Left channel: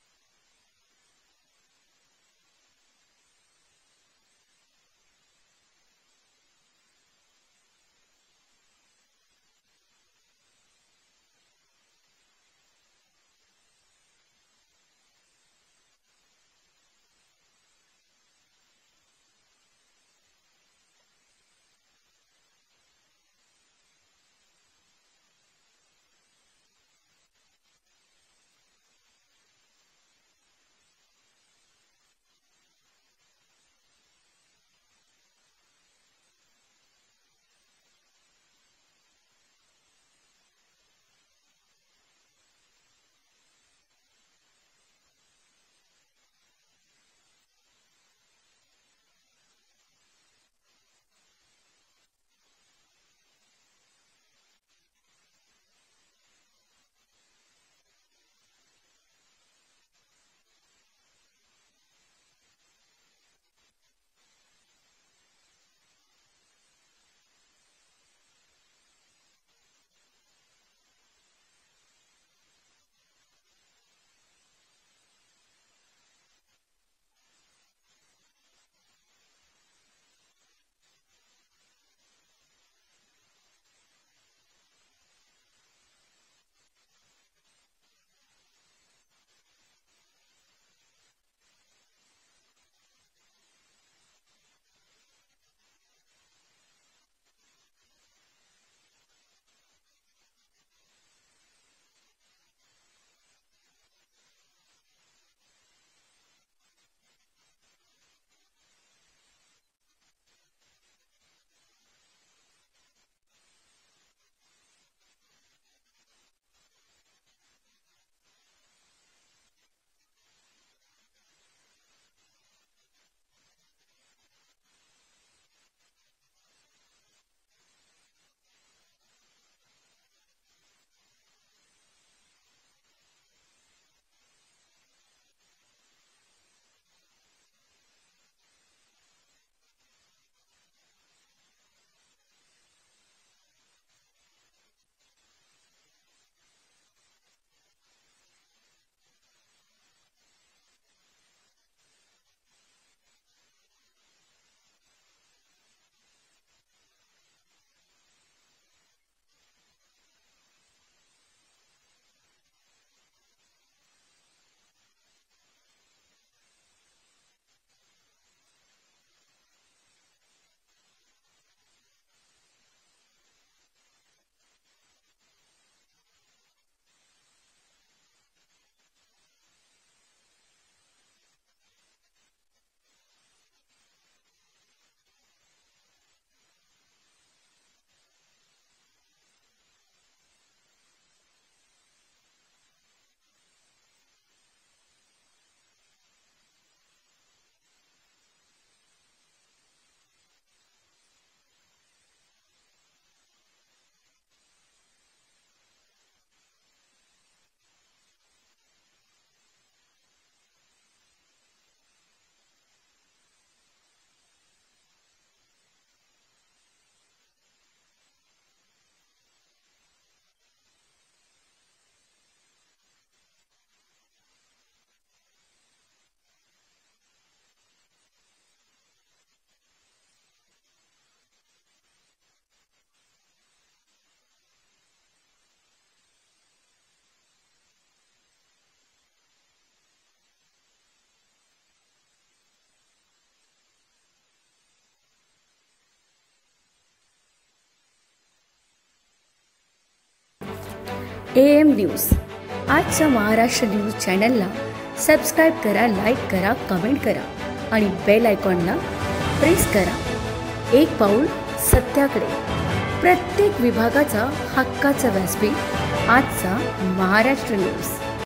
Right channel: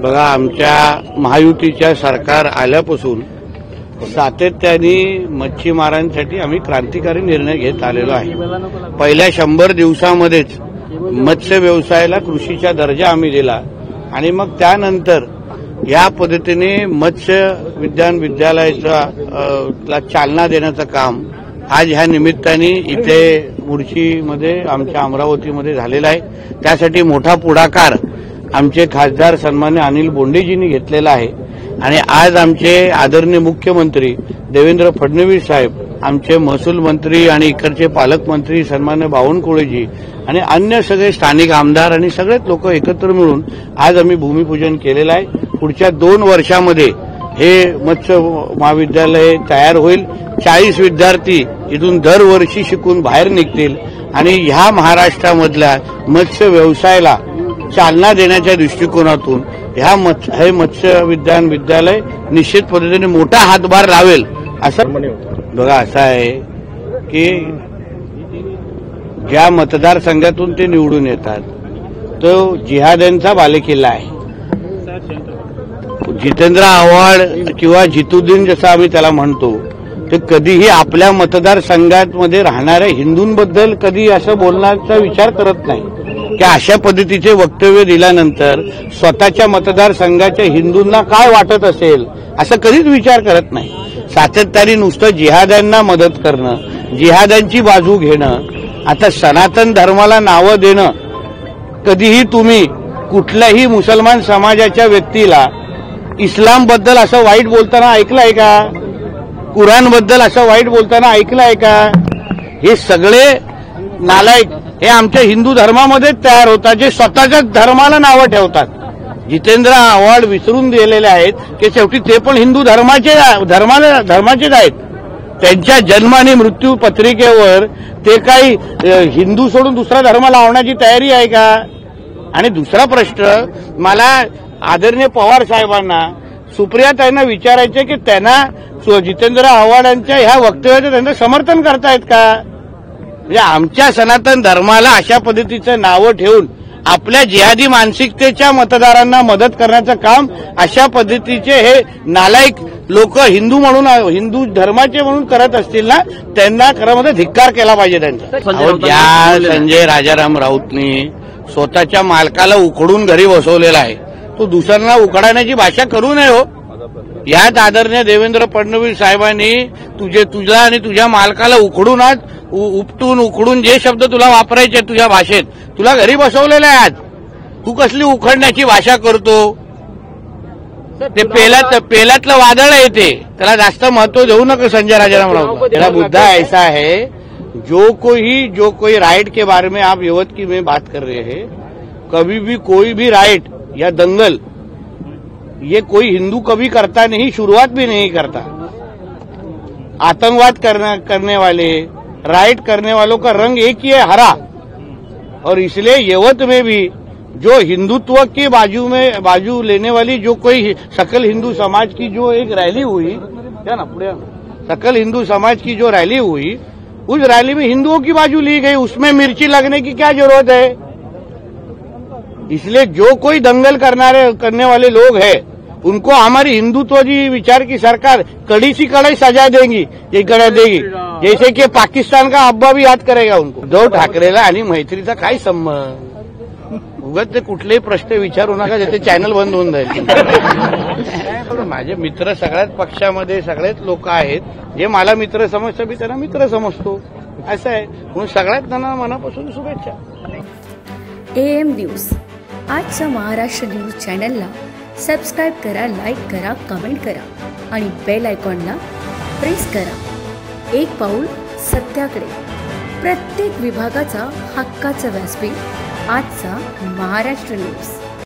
बघा, आमच्या महायुतीच्या सरकार आल्यापासून सातत्याने मच्छीमारांसाठी आम्ही क्रांतिकारी निर्णय घेत आलेलो आहे। पहिल्या 100 दिवसामध्येच मत्स्य व्यवसायाला कृषीचा दर्जा आम्ही दिला आणि मग त्यानंतर या पद्धतीने मत्स्य विज्ञान विद्यालयाला चालना देण्याचं काम आज ह्या निमित्ताने इथे मुळशीमध्ये आमच्या अमरावतीमध्ये झालेला आहे। त्यासाठी मोठा पुढाकार आमचे खासदार सन्मान्य अनिल बोंडेजींनी घेतलेला आहे आणि आज आमचे आदरणीय मुख्यमंत्री देवेंद्र फडणवीस साहेब, आमचे महसूल मंत्री आणि इकडचे पालकमंत्री सन्मान्य बावनकुळेजी आणि अन्य सगळे स्थानिक आमदार आणि सगळेच लोक एकत्र मिळून आज आम्ही भूमिपूजन केलेलं आहे। पुढच्या 2 वर्षामध्ये हे मत्स्य महाविद्यालय तयार होईल। 40 विद्यार्थी इथून दरवर्षी शिकून बाहेर निघतील आणि ह्या महाराष्ट्रामधल्या मत्स्य व्यवसायाला चालना देण्याच्या दृष्टिकोनातून हे मत्स्य विज्ञान विद्यालय निश्चित पद्धतीने मोठा हातभार लावेल असं बघा। असं आहे की ज्या मतदारसंघातून ते निवडून येतात तो जिहाद्यांचा बालेकिल्ला आहे। जितेंद्र आव्हाड किंवा जितुद्दीन जसं आम्ही त्याला म्हणतो, ते कधीही आपल्या मतदारसंघामध्ये राहणाऱ्या हिंदूंबद्दल कधी असं बोलण्याचा विचार करत नाही की अशा पद्धतीचे वक्तव्य दिल्यानंतर स्वतःच्या मतदारसंघाच्या हिंदूंना काय वाटत असेल असं कधीच विचार करत नाही। सातत्याने नुसतं जिहाद्यांना मदत करणं, जिहाद्यांची बाजू घेणं, आता सनातन धर्माला नावं देणं। कधीही तुम्ही कुठल्याही मुसलमान समाजाच्या व्यक्तीला इस्लामबद्दल असं वाईट बोलताना ऐकलं आहे का? कुराणबद्दल असं वाईट बोलताना ऐकलं आहे का? हे सगळे नालायक हे आमच्या हिंदू धर्मामध्ये तयार होतात, जे स्वतःच्या धर्माला नावं ठेवतात। जितेंद्र आव्हाड विसरून गेलेले आहेत की शेवटी ते पण हिंदू धर्माचेच आहेत। त्यांच्या जन्म आणि मृत्यू पत्रिकेवर ते काही हिंदू सोडून दुसरा धर्म लावण्याची तयारी आहे का? आणि दुसरा प्रश्न मला आदरणीय पवार साहेबांना, सुप्रियाताईंना विचारायचे की त्यांना जितेंद्र आव्हाडांच्या ह्या वक्तव्याचं त्यांचं समर्थन करतायत का? म्हणजे आमच्या सनातन धर्माला अशा पद्धतीचं नावं ठेवून आपल्या जिहादी मानसिकतेच्या मतदारांना मदत करण्याचं काम अशा पद्धतीचे हे नालायक लोक हिंदू धर्माचे म्हणून करत असतील ना, त्यांना खरं धिक्कार केला पाहिजे त्यांचा। ज्या संजय राजाराम राऊतनी स्वतःच्या मालकाला उखडून घरी बसवलेला आहे, तो दुसऱ्यांना उखडण्याची भाषा करू नये हो। यात आदरणीय देवेंद्र फडणवीस साहेबांनी तुझ्या आणि तुझ्या मालकाला उखडून उखडून जे शब्द तुला वापरायचे तुझ्या भाषेत तुला घरी बसवलेले आहेत। तू कसली उखडण्याची भाषा करतो? ते पेलातलं वादळ आहे, ते त्याला जास्त महत्व देऊ नका संजय राजाराम राऊत। मेरा मुद्दा ऐसा है, जो कोई राइट के बारे में आप युवत की में बात कर रहे हैं, कभी भी कोई भी राइट या दंगल ये कोई हिंदू कभी करता नहीं, शुरुआत भी नहीं करता। आतंकवाद करने वाले, राइट करने वालों का रंग एक ही है, हरा। और इसलिए यवत में भी जो हिंदुत्व की बाजू लेने वाली जो कोई सकल हिंदू समाज की जो एक रैली हुई, क्या ना पुढे सकल हिंदू समाज की जो रैली हुई, उस रैली में हिंदुओं की बाजू ली गई, उसमें मिर्ची लगने की क्या जरूरत है? इसलिए जो कोई दंगल करने वाले लोग हैं उनको हमारी हिंदुत्वजी विचार की सरकार कड़ी सी कड़ाई सजा देगी, जैसे कि पाकिस्तान का अब्बा भी याद करेगा उनको। उद्धव ठाकरेला आणि मैत्रीचा काय संबंध? उगाच ते कुठलेही प्रश्न विचारू नका, ज्याचे चॅनल बंद होऊन जाईल। माझे मित्र सगळ्याच पक्षामध्ये सगळेच लोक आहेत, जे मला मित्र समजतात मी त्यांना मित्र समजतो, असं आहे। म्हणून सगळ्यात त्यांना मनापासून शुभेच्छा। AM न्यूज आजच्या महाराष्ट्र न्यूज चॅनलला सबस्क्राईब करा, लाईक करा, कमेंट करा आणि बेल आयकॉनला प्रेस करा। एक पाऊल सत्याकडे, प्रत्येक विभागाचा हक्काचा व्यासपीठ आजचा महाराष्ट्र न्यूज।